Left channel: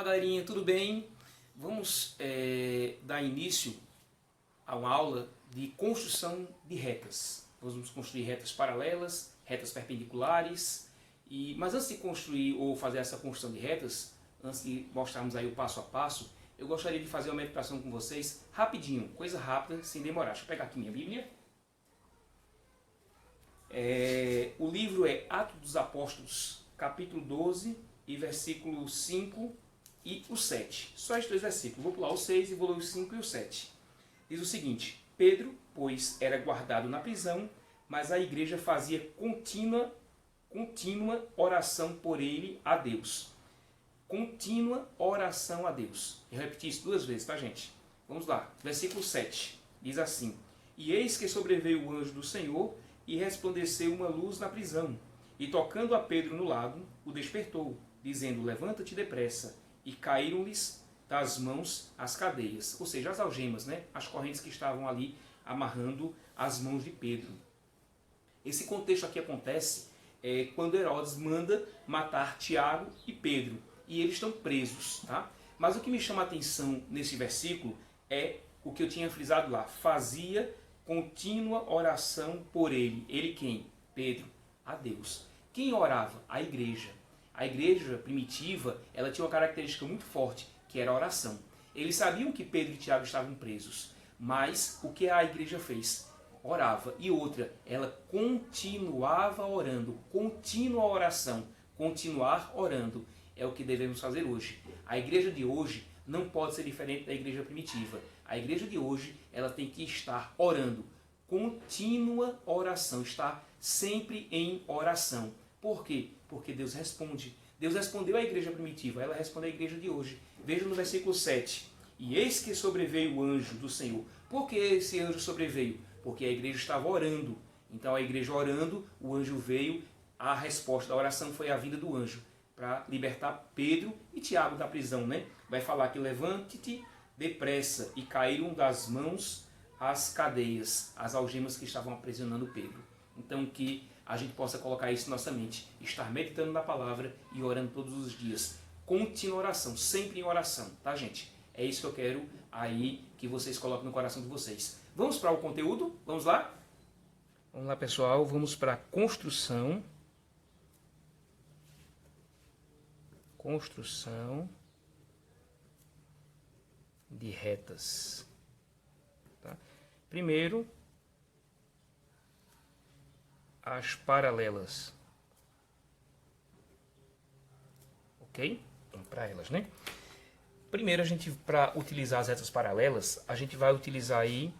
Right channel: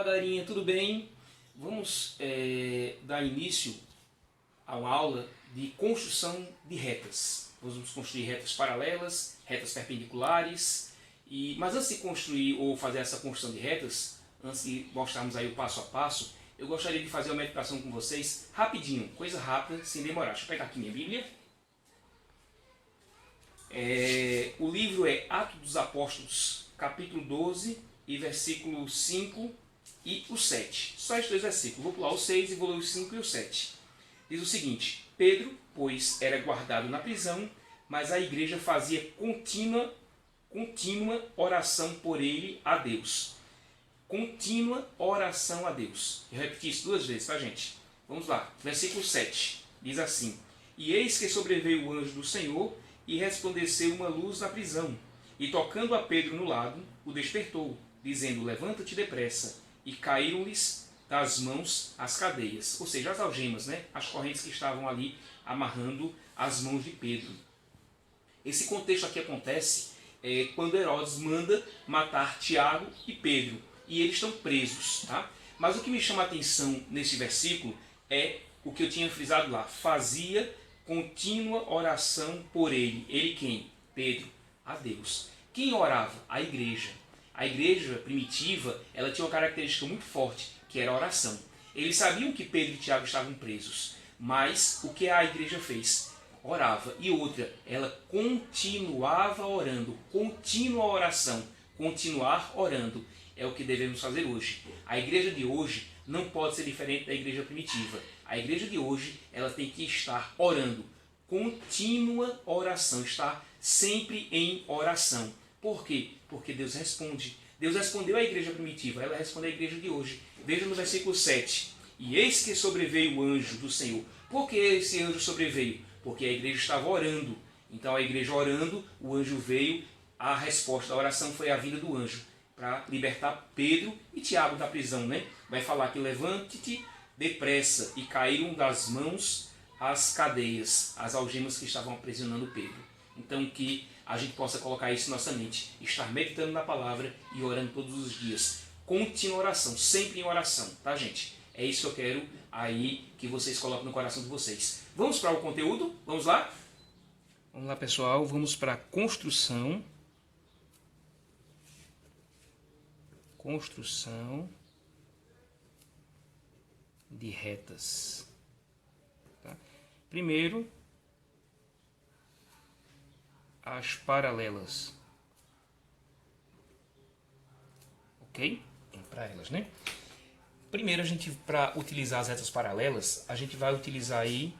Fala galerinha, tudo bem? Vamos dar início a uma aula de construção de retas. Vamos construir retas paralelas, retas perpendiculares. Mas antes de construir ou fazer essa construção de retas, antes de mostrarmos aí o passo a passo, eu gostaria de fazer uma meditação com vocês rapidinho, coisa rápida, sem demorar. Deixa eu pegar aqui minha Bíblia. O livro é Atos dos Apóstolos, capítulo 12, e versículo 5 e o 7. Só esses dois versículos. Vou pular o 6 e vou ler o 5 e o 7. Diz o seguinte: Pedro, pois, era guardado na prisão, mas a igreja fazia contínua oração por ele a Deus. Contínua oração a Deus. Eu repeti isso duas vezes, tá, gente? Vamos lá. Versículo 7. Diz assim: E eis que sobreveio o anjo do Senhor e resplandeceu uma luz na prisão. E tocando a Pedro no lado, o despertou, dizendo: Levanta-te depressa. E caíram-lhes das mãos as cadeias, ou seja, as algemas, né? As correntes que estavam ali amarrando as mãos de Pedro. Esse contexto aqui acontece quando Herodes manda matar Tiago e Pedro, e eles estão presos, tá? Mas o que me chama a atenção nesse versículo é o que eu tinha frisado lá: fazia contínua oração por ele. Ele quem? Pedro, a Deus. Quem orava? A igreja. A igreja primitiva, ela tinha uma característica muito forte, que era a oração. Eles sabiam que Pedro e Tiago estavam presos, mas o que a igreja fez? Orava. E outra, ela continuava orando. Contínua oração. Continuar orando é o que devemos fazer hoje. A igreja de hoje não pode ser diferente da igreja primitiva. A igreja de hoje, ela tem que estar orando. Contínua oração, estar sempre em oração. Por quê? Porque Deus responde. Deus respondeu à igreja primitiva, ela responde à igreja de hoje. Veja no versículo 7. E eis que sobreveio o anjo do Senhor. Por que esse anjo sobreveio? Porque a igreja estava orando. Então a igreja orando, o anjo veio, a resposta da oração foi a vinda do anjo, para libertar Pedro e Tiago da prisão, né? Vai falar que levante-te depressa, e caíram das mãos as cadeias, as algemas que estavam aprisionando Pedro. Então que a gente possa colocar isso em nossa mente, estar meditando na palavra e orando todos os dias. Contínua oração, sempre em oração, tá, gente? É isso que eu quero aí que vocês coloquem no coração de vocês. Vamos para o conteúdo? Vamos lá? Vamos lá, pessoal, vamos para a construção. Construção de retas. Tá? Primeiro, as paralelas. Ok? Então, para elas, né? Primeiro, para utilizar as retas paralelas, a gente vai utilizar aí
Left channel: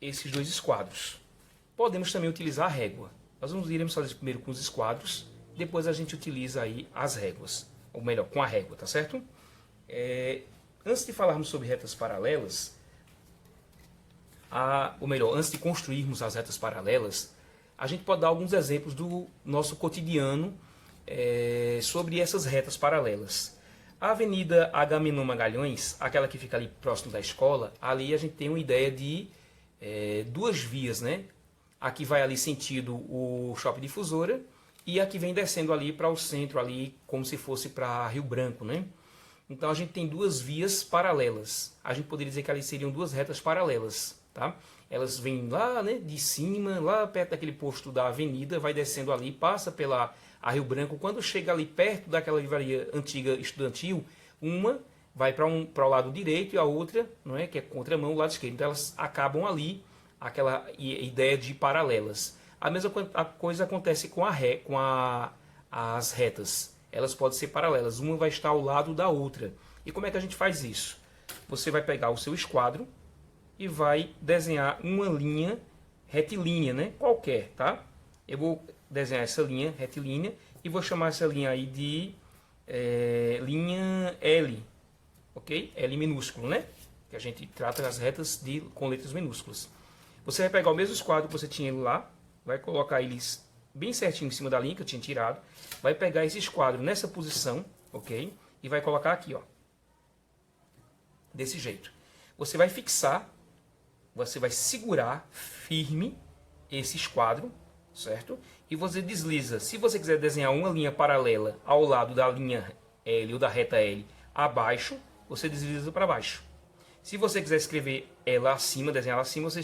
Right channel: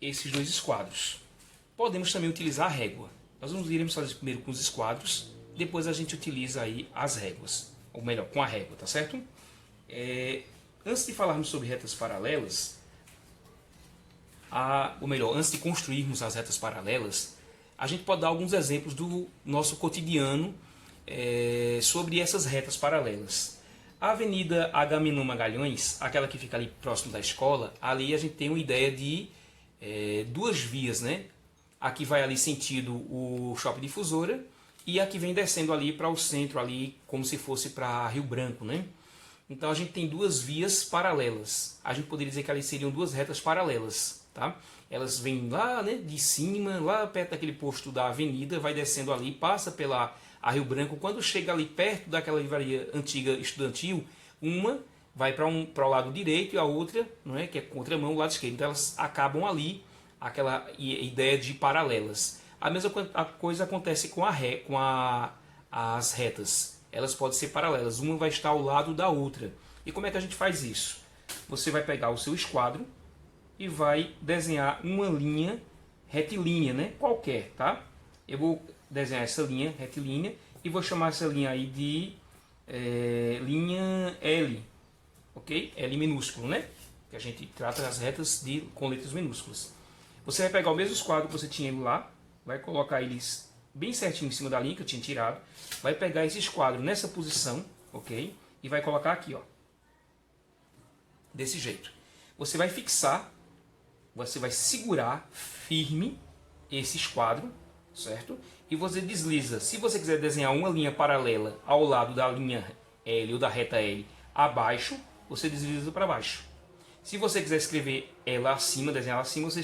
esses dois esquadros. Podemos também utilizar a régua. Nós iremos fazer primeiro com os esquadros, depois a gente utiliza aí as réguas. Ou melhor, com a régua, tá certo? Antes de falarmos sobre retas paralelas, antes de construirmos as retas paralelas, a gente pode dar alguns exemplos do nosso cotidiano sobre essas retas paralelas. A Avenida Agamenon Magalhães, aquela que fica ali próximo da escola, ali a gente tem uma ideia de duas vias, né? Aqui vai ali sentido o Shopping Difusora e aqui vem descendo ali para o centro, ali como se fosse para Rio Branco, né? Então a gente tem duas vias paralelas. A gente poderia dizer que ali seriam duas retas paralelas, tá? Elas vêm lá, né, de cima, lá perto daquele posto da avenida, vai descendo ali, passa pela Rio Branco. Quando chega ali perto daquela livraria antiga estudantil, uma vai para o lado direito e a outra, não é, que é contramão, o lado esquerdo. Então elas acabam ali, aquela ideia de paralelas. A mesma coisa acontece com as retas. Elas podem ser paralelas, uma vai estar ao lado da outra. E como é que a gente faz isso? Você vai pegar o seu esquadro e vai desenhar uma linha retilínea, né? Qualquer, tá? Eu vou desenhar essa linha retilínea e vou chamar essa linha aí de linha L, ok? L minúsculo, né? Que a gente trata as retas com letras minúsculas. Você vai pegar o mesmo esquadro que você tinha lá, vai colocar eles bem certinho em cima da linha que eu tinha tirado, vai pegar esse esquadro nessa posição, ok? E vai colocar aqui, ó, desse jeito. Você vai fixar, você vai segurar firme esse esquadro, certo? E você desliza. Se você quiser desenhar uma linha paralela ao lado da linha L ou da reta L, abaixo, você desliza para baixo. Se você quiser escrever ela acima, desenhar ela acima, você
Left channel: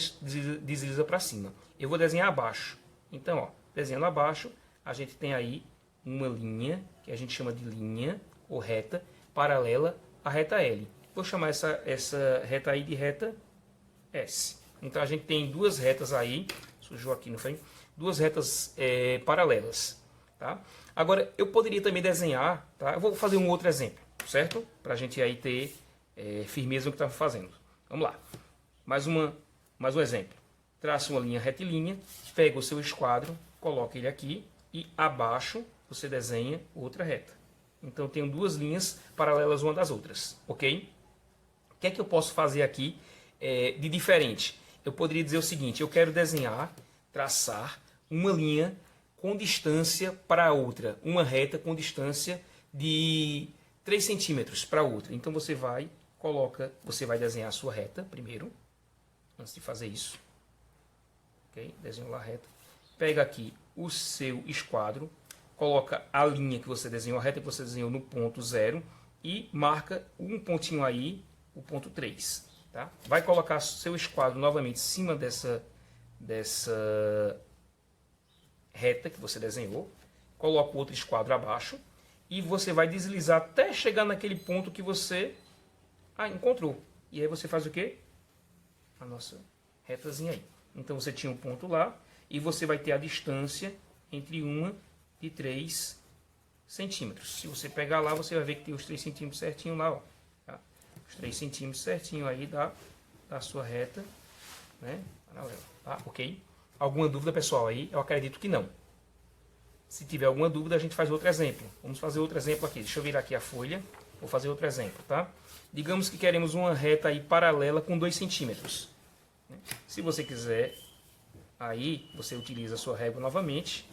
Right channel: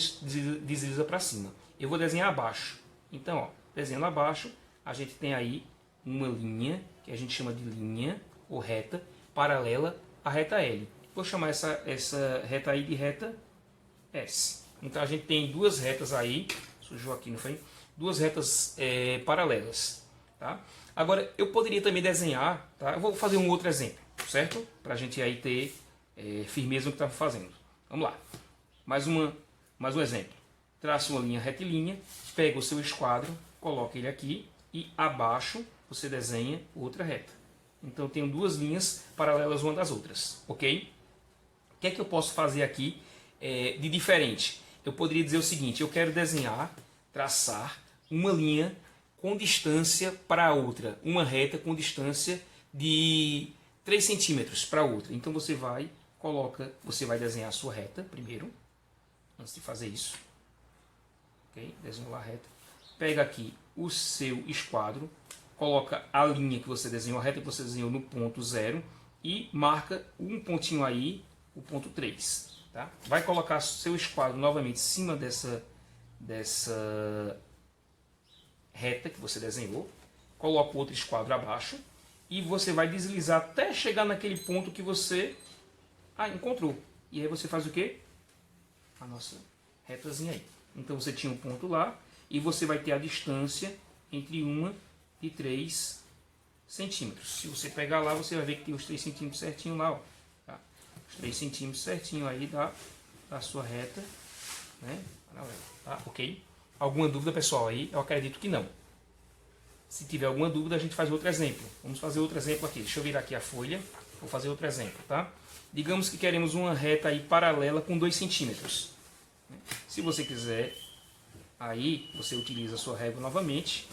desliza para cima. Eu vou desenhar abaixo. Então, ó, desenhando abaixo, a gente tem aí uma linha, que a gente chama de linha ou reta, paralela à reta L. Vou chamar essa reta aí de reta S. Então a gente tem duas retas aí, sujou aqui no frame, duas retas paralelas. Tá? Agora, eu poderia também desenhar, tá? Eu vou fazer um outro exemplo, certo? Para a gente aí ter firmeza no que está fazendo. Vamos lá. Mais um exemplo. Traça uma linha retilínea, pega o seu esquadro, coloca ele aqui e abaixo você desenha outra reta. Então, eu tenho duas linhas paralelas uma das outras, ok? O que é que eu posso fazer aqui de diferente? Eu poderia dizer o seguinte, eu quero desenhar, traçar uma linha com distância para a outra, uma reta com distância de 3 centímetros para a outra. Então você vai desenhar a sua reta primeiro, antes de fazer isso. Ok? Desenhou a reta. Pega aqui o seu esquadro, coloca a linha que você desenhou, a reta que você desenhou no ponto 0 e marca um pontinho aí, o ponto 3. Tá? Vai colocar seu esquadro novamente em cima dessa reta que você desenhou, coloca o outro esquadro abaixo e você vai deslizar até chegar naquele ponto que você encontrou. E aí você faz o quê? A nossa retazinha aí. Então você tinha um ponto lá e você vai ter a distância entre 1 e 3 centímetros. Se você pegar lá, você vai ver que tem os 3 centímetros certinho lá, ó. Tá? Os 3 centímetros certinho aí da sua reta, né? Paralela, tá? Ok? Alguma dúvida, pessoal, aí? Eu acredito que não. Se tiver alguma dúvida, a gente faz outro exemplo. Vamos fazer outro exemplo aqui. Deixa eu virar aqui a folha. Vou fazer outro exemplo, tá? Digamos que queremos uma reta aí paralela com 2 centímetros. Se você quiser, aí você utiliza a sua régua novamente.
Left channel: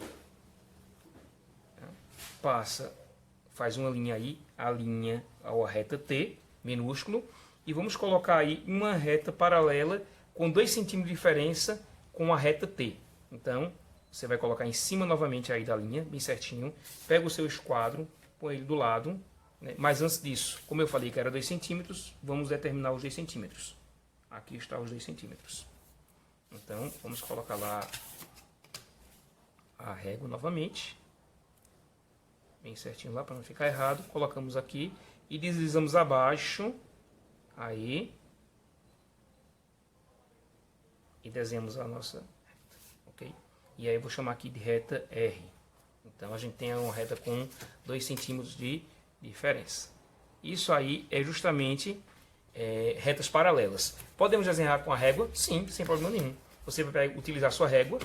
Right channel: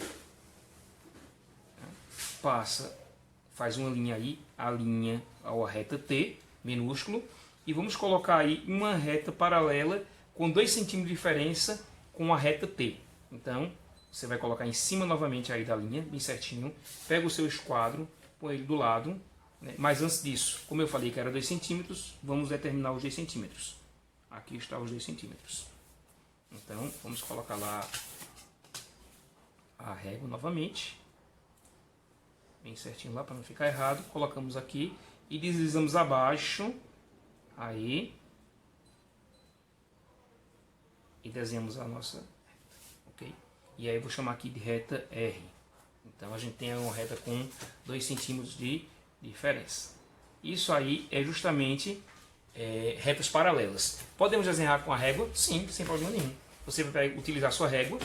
Faz uma linha aí, a reta T, minúsculo. E vamos colocar aí uma reta paralela com 2 centímetros de diferença com a reta T. Então, você vai colocar em cima novamente aí da linha, bem certinho. Pega o seu esquadro, põe ele do lado. Né? Mas antes disso, como eu falei que era 2 centímetros, vamos determinar os 2 centímetros. Aqui está os 2 centímetros. Então, vamos colocar lá a régua novamente. Bem certinho lá, para não ficar errado. Colocamos aqui e deslizamos abaixo. Aí. E desenhamos a nossa reta, ok? E aí eu vou chamar aqui de reta R. Então a gente tem uma reta com 2 centímetros de diferença. Isso aí é justamente retas paralelas. Podemos desenhar com a régua? Sim, sem problema nenhum. Você vai utilizar a sua régua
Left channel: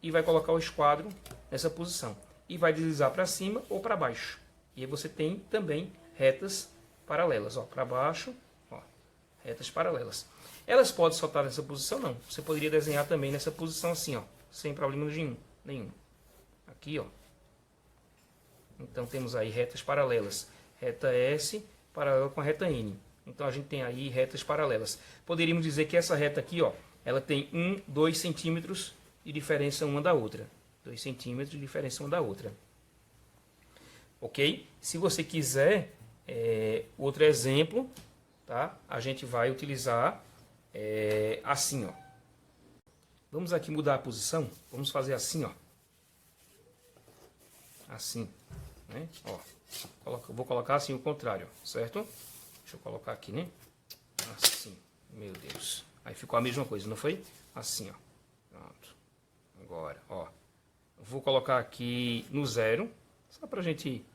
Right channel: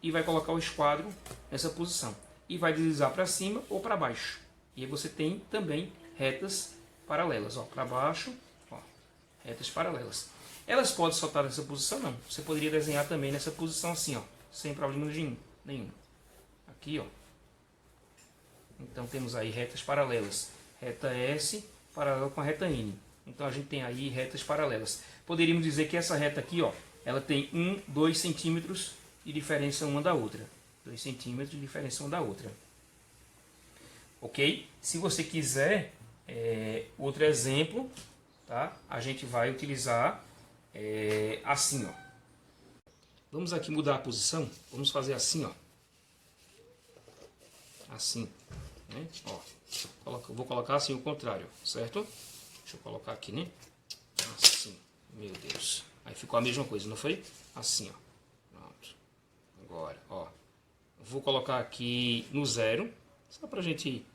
e vai colocar o esquadro nessa posição. E vai deslizar para cima ou para baixo. E aí você tem também retas paralelas. Para baixo, ó, retas paralelas. Elas podem soltar nessa posição? Não. Você poderia desenhar também nessa posição assim, ó, sem problema nenhum. Aqui, ó. Então temos aí retas paralelas. Reta S paralela com a reta N. Então a gente tem aí retas paralelas. Poderíamos dizer que essa reta aqui, ó, ela tem 2 centímetros de diferença uma da outra. 2 centímetros de diferença uma da outra. Ok? Se você quiser outro exemplo, tá? A gente vai utilizar assim, ó. Vamos aqui mudar a posição. Vamos fazer assim, ó. Assim, né? Ó, vou colocar assim o contrário, certo? Deixa eu colocar aqui, né? Assim, meu Deus. Aí ficou a mesma coisa, não foi? Assim, ó. Pronto. Agora, ó. Vou colocar aqui no 0, só pra gente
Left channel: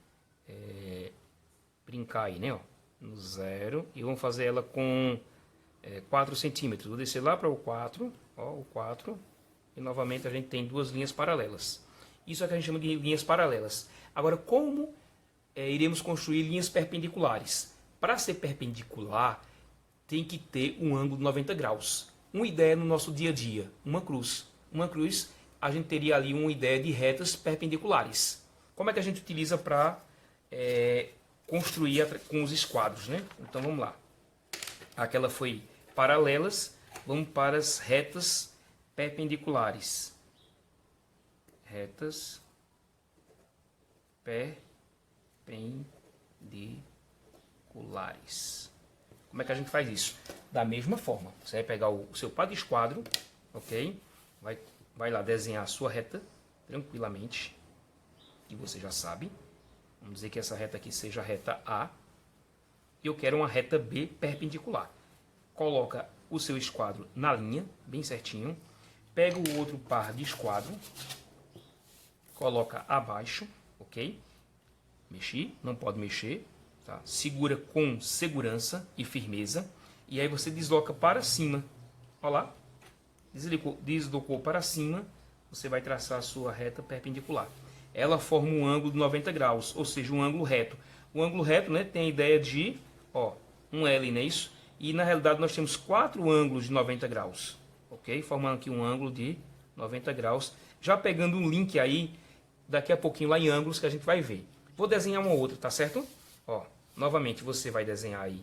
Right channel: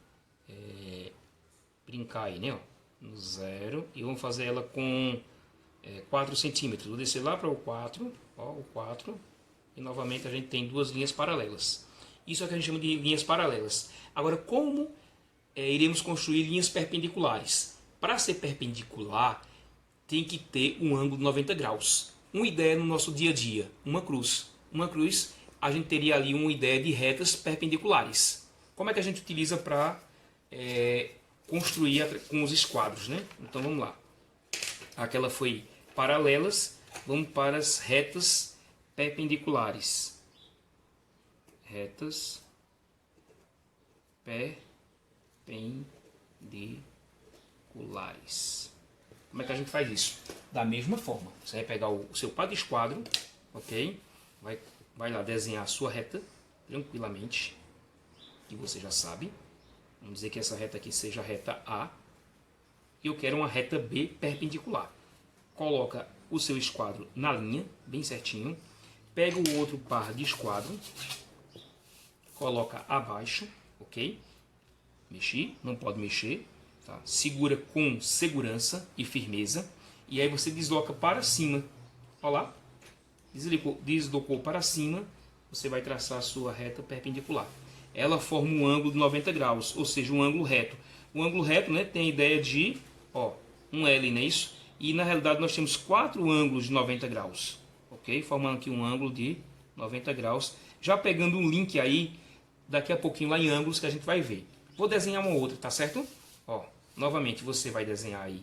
brincar aí, né? Ó. No 0. E vamos fazer ela com 4 centímetros. Vou descer lá para o 4, ó, o 4. E novamente a gente tem duas linhas paralelas. Isso é o que a gente chama de linhas paralelas. Agora, como iremos construir linhas perpendiculares? Para ser perpendicular, tem que ter um ângulo de 90 graus. Uma ideia no nosso dia a dia, uma cruz. Uma cruz, a gente teria ali uma ideia de retas perpendiculares. Como é que a gente utiliza para construir com os esquadros, né? Então vamos lá. Aquela foi paralelas, vamos para as retas perpendiculares. Retas perpendiculares. perpendiculares. Como é que a gente faz isso? Da mesma forma, você vai pegar o seu pá de esquadro, ok? Vai lá desenhar a sua reta tranquilamente, que você já sabe. Vamos dizer que essa reta aqui seja a reta A. E eu quero uma reta B perpendicular. Coloca o seu esquadro na linha, bem certinho. Pega o outro par de esquadro, coloca abaixo, ok? Mexi, não pode mexer, tá? Segura com segurança e firmeza. E aí você desloca para cima. Olha lá. Deslocou para cima, você vai traçar a sua reta perpendicular. Ela forma um ângulo de 90 graus, ou seja, um ângulo reto. O ângulo reto, né, tem a ideia de, ó, um L, não é isso? E na realidade nós temos 4 ângulos de 90 graus, ok? Formando aqui um ângulo de 90 graus. Já pegando um link aí, daqui a pouquinho lá em ângulos que a gente vai ver. Vou desenhar uma outra, tá certo? Ó, novamente você vai desenhar aí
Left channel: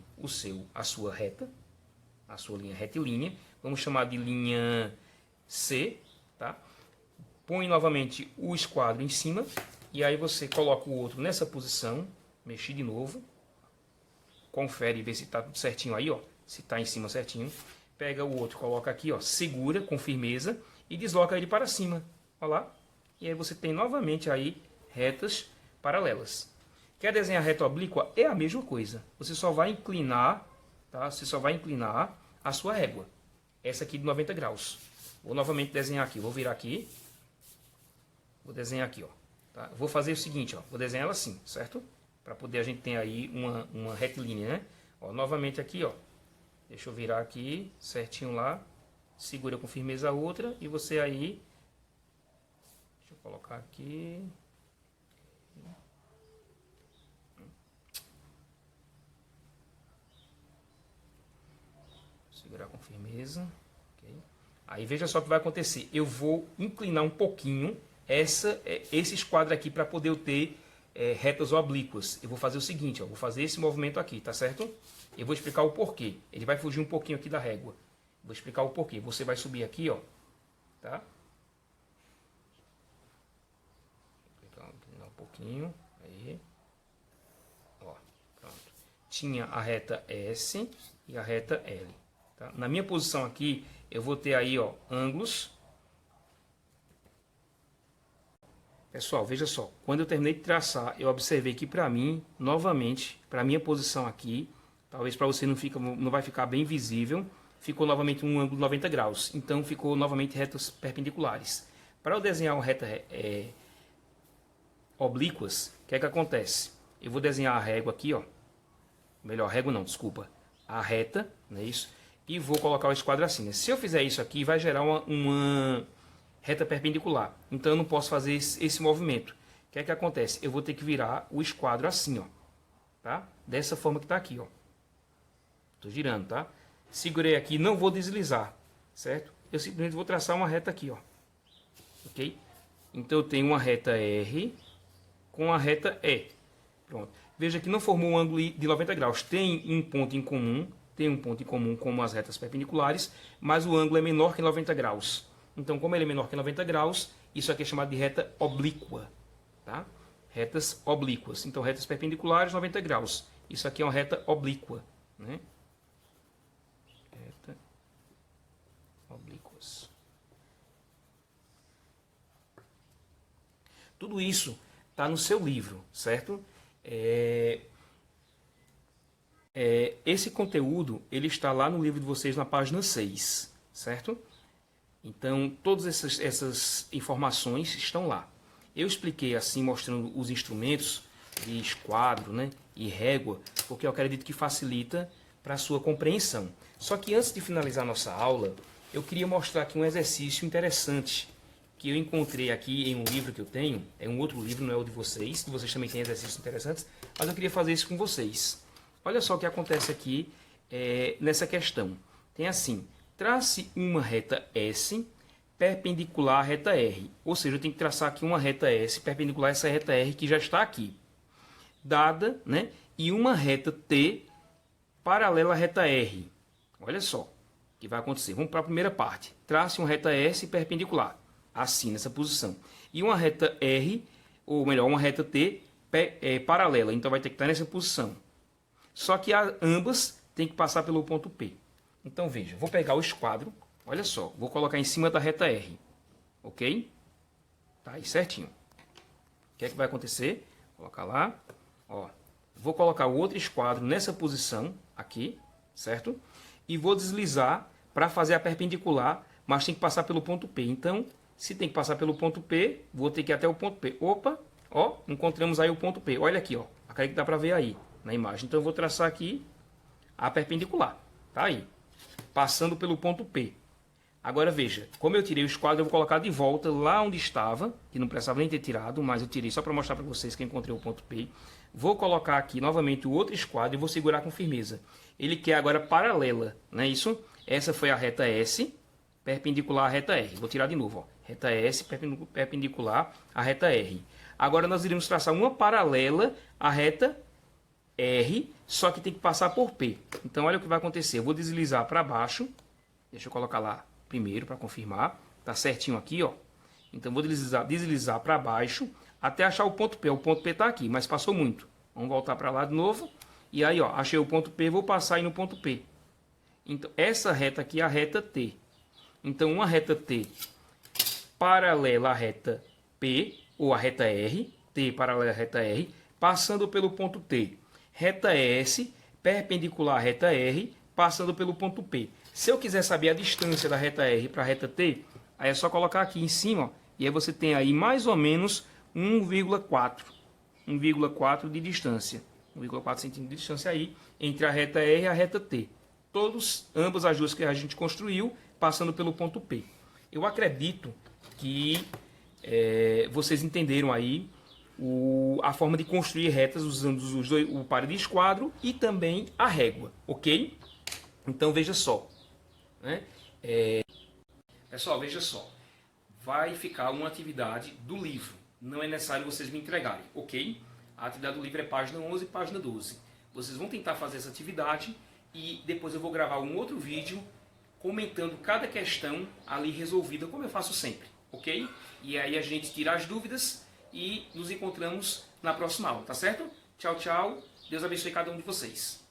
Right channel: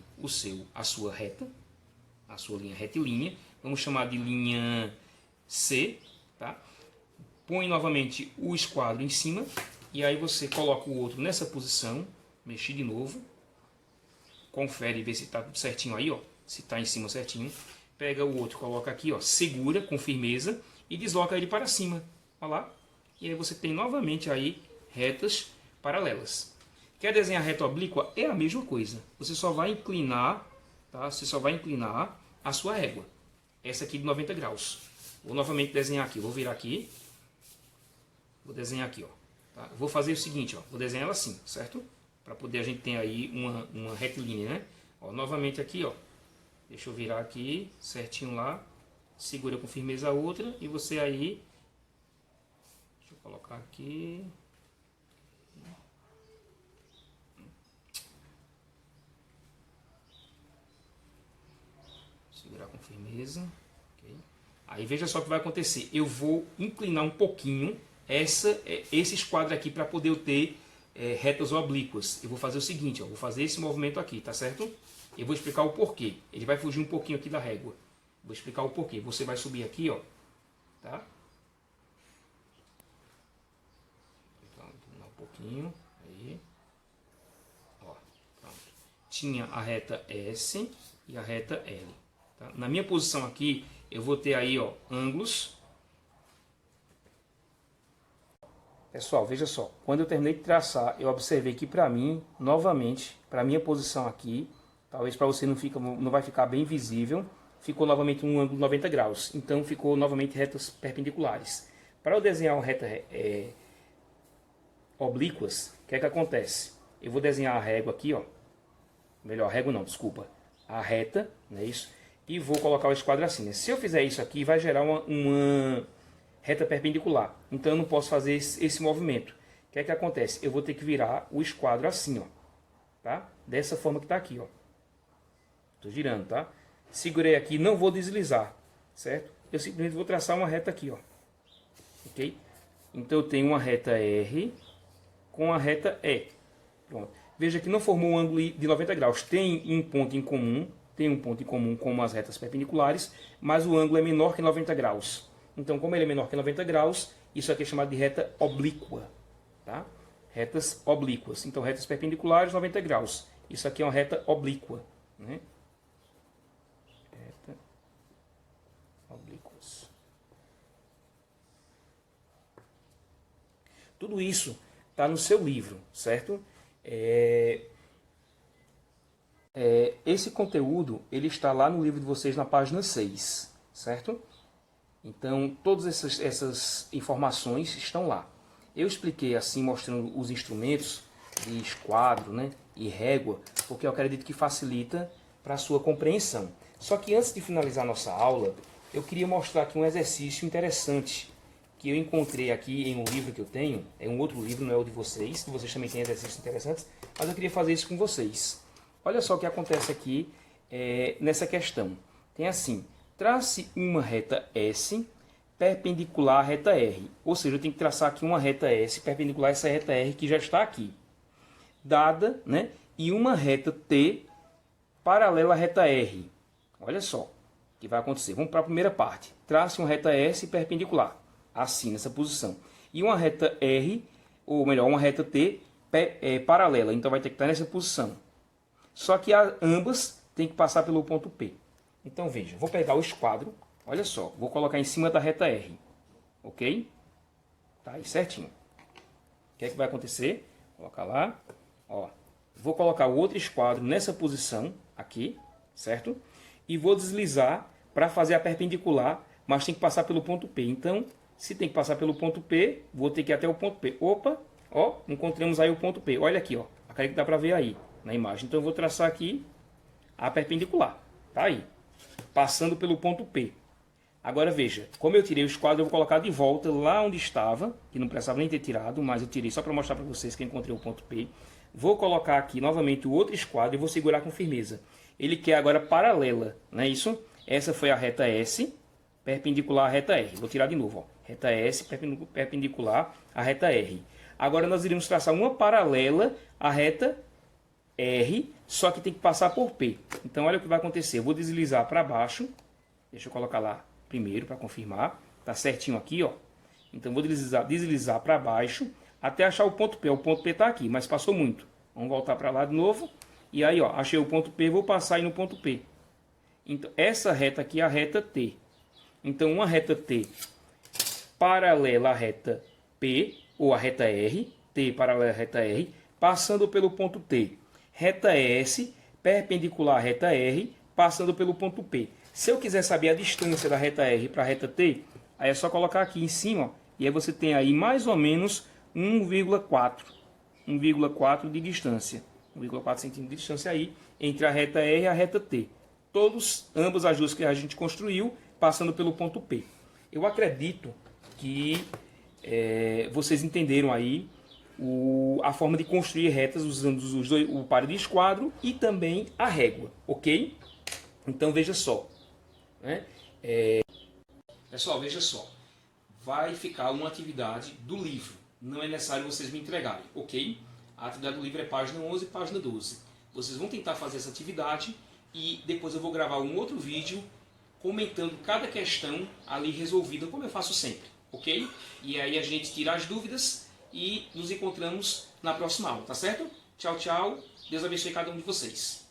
a sua reta, a sua linha retilínea. Vamos chamar de linha C, tá? Põe novamente o esquadro em cima e aí você coloca o outro nessa posição, mexi de novo, confere e vê se está tudo certinho aí, ó, se está em cima certinho. Pega o outro, coloca aqui, ó, segura com firmeza e desloca ele para cima, ó lá. E aí você tem novamente aí retas paralelas. Quer desenhar reta oblíqua? É a mesma coisa. Você só vai inclinar, tá? Você só vai inclinar a sua régua. Essa aqui de 90 graus. Vou novamente desenhar aqui. Vou virar aqui. Vou desenhar aqui, ó. Tá? Vou fazer o seguinte, ó. Vou desenhar ela assim, certo? Para poder a gente ter aí uma retilínea, né? Ó, novamente aqui, ó. Deixa eu virar aqui, certinho lá. Segura com firmeza a outra. E você aí... Deixa eu colocar aqui... Segurar com firmeza. Okay. Aí veja só o que vai acontecer. Eu vou inclinar um pouquinho esse esquadro aqui para poder eu ter retas oblíquas. Eu vou fazer o seguinte, ó, vou fazer esse movimento aqui, tá certo? Eu vou explicar o porquê. Ele vai fugir um pouquinho aqui da régua. Vou explicar o porquê. Você vai subir aqui, ó, tá? Um pouquinho, aí. Ó, pronto. Tinha a reta S e a reta L. Tá? Na minha posição aqui, eu vou ter aí, ó, ângulos. Pessoal, veja só. Quando eu terminei de traçar, eu observei que para mim, novamente, para minha posição aqui, talvez para você não vai ficar bem visível, ficou novamente um ângulo de 90 graus. Então, ficou novamente retas perpendiculares. Para eu desenhar uma reta oblíquas, o que é que acontece? Eu vou desenhar a régua aqui, ó. Melhor, régua não, desculpa. A reta, não é isso? E vou colocar o esquadro assim, né? Se eu fizer isso aqui, vai gerar uma reta perpendicular. Então eu não posso fazer esse movimento. O que é que acontece? Eu vou ter que virar o esquadro assim, ó. Tá? Dessa forma que está aqui, ó. Tô girando, tá? Segurei aqui, não vou deslizar, certo? Eu simplesmente vou traçar uma reta aqui, ó. Ok? Então eu tenho uma reta R com a reta E. Pronto. Veja que não formou um ângulo de 90 graus. Tem um ponto em comum, como as retas perpendiculares, mas o ângulo é menor que 90 graus. Então, como ele é menor que 90 graus, isso aqui é chamado de reta oblíqua. Tá? Retas oblíquas. Então, retas perpendiculares, 90 graus. Isso aqui é uma reta oblíqua. Né? Reta oblíquas. Tudo isso está no seu livro, certo? Esse conteúdo ele está lá no livro de vocês na página 6, certo? Então, todas essas informações estão lá. Eu expliquei assim, mostrando os instrumentos de esquadro, né, e régua, porque eu acredito que facilita para a sua compreensão. Só que antes de finalizar nossa aula, eu queria mostrar aqui um exercício interessante que eu encontrei aqui em um livro que eu tenho. É um outro livro, não é o de vocês, que vocês também têm exercícios interessantes, mas eu queria fazer isso com vocês. Olha só o que acontece aqui nessa questão. Tem assim, trace uma reta S perpendicular à reta R. Ou seja, eu tenho que traçar aqui uma reta S perpendicular a essa reta R que já está aqui. Dada, né? E uma reta T paralela à reta R. Olha só o que vai acontecer. Vamos para a primeira parte. Trace uma reta S perpendicular. Assim, nessa posição. E uma reta R, ou melhor, uma reta T paralela. Então vai ter que estar nessa posição. Só que ambas tem que passar pelo ponto P. Então veja, vou pegar o esquadro, olha só, vou colocar em cima da reta R, ok? Tá aí certinho. O que é que vai acontecer? Colocar lá, ó. Vou colocar o outro esquadro nessa posição aqui, certo? E vou deslizar para fazer a perpendicular, mas tem que passar pelo ponto P. Então, se tem que passar pelo ponto P, vou ter que ir até o ponto P. Opa, ó, encontramos aí o ponto P. Olha aqui, ó. Acredito que dá para ver aí na imagem. Então, eu vou traçar aqui a perpendicular. Tá aí. Passando pelo ponto P. Agora veja, como eu tirei o esquadro, eu vou colocar de volta lá onde estava, que não precisava nem ter tirado, mas eu tirei só para mostrar para vocês que eu encontrei o ponto P. Vou colocar aqui novamente o outro esquadro e vou segurar com firmeza. Ele quer agora paralela, não é isso? Essa foi a reta S, perpendicular à reta R. Vou tirar de novo, ó. Reta S, perpendicular à reta R. Agora nós iremos traçar uma paralela à reta R, só que tem que passar por P. Então olha o que vai acontecer. Eu vou deslizar para baixo. Deixa eu colocar lá primeiro para confirmar. Tá certinho aqui, ó. Então vou deslizar para baixo até achar o ponto P. O ponto P está aqui, mas passou muito. Vamos voltar para lá de novo. E aí, ó, achei o ponto P, vou passar aí no ponto P. Então, essa reta aqui é a reta T. Então, uma reta T paralela à reta P, ou a reta R, T paralela à reta R, passando pelo ponto T. Reta S, perpendicular à reta R, passando pelo ponto P. Se eu quiser saber a distância da reta R para a reta T, aí é só colocar aqui em cima, ó, e aí você tem aí mais ou menos 1,4 de distância. 1,4 centímetros de distância aí entre a reta R e a reta T. Ambas as duas que a gente construiu, passando pelo ponto P. Eu acredito que vocês entenderam aí a forma de construir retas usando o par de esquadro e também a régua, ok? Então veja só. Né? Pessoal, veja só. Vai ficar uma atividade do livro. Não é necessário vocês me entregarem, ok? A atividade do livro é página 11 e página 12. Vocês vão tentar fazer essa atividade e depois eu vou gravar um outro vídeo comentando cada questão ali resolvida, como eu faço sempre, ok? E aí a gente tira as dúvidas e nos encontramos na próxima aula, tá certo? Tchau, tchau. Deus abençoe cada um de vocês.